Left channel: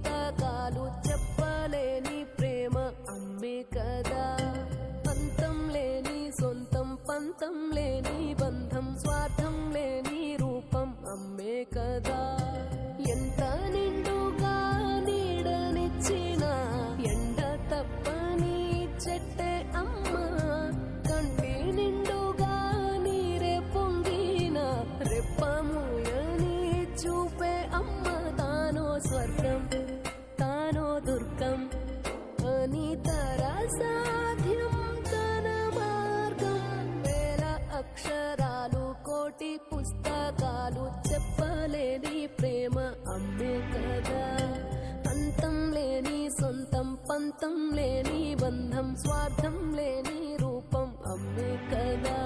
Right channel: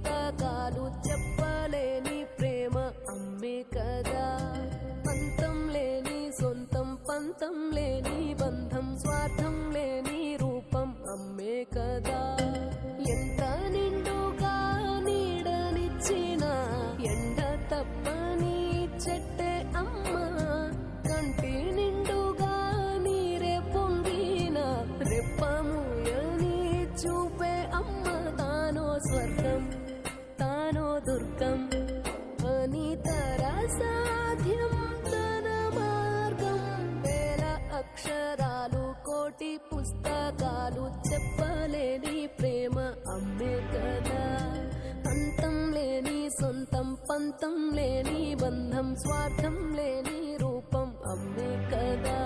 పుస్తకాలు చెప్పలేని ప్రేమ అమ్మే కదా. పంతం లేని సొంతం, పంతం లేని బంధం, స్వార్థం లేని రూపం అమ్మే కదా. ఎంత నిండుగా నీడనిచ్చిన ఎండ తప్పని చెట్టే అమ్మ, కంటి నిండుగా నీరే పొంగిన రెప్పముయని చూపే అమ్మ. తానో స్వర్గం తానో దుర్గం అని సాధ్యం తన మార్గం. వేల అక్షరాలు కోటి పుస్తకాలు చెప్పలేని ప్రేమ అమ్మే కదా. అంతం లేని సొంతం, పంతం లేని బంధం, స్వార్థం లేని రూపం అమ్మే కదా.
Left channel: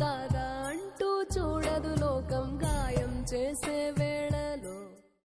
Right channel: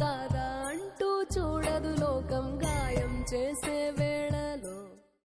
కాదా అంటూ చూడదు లోకం, గాయం చేసి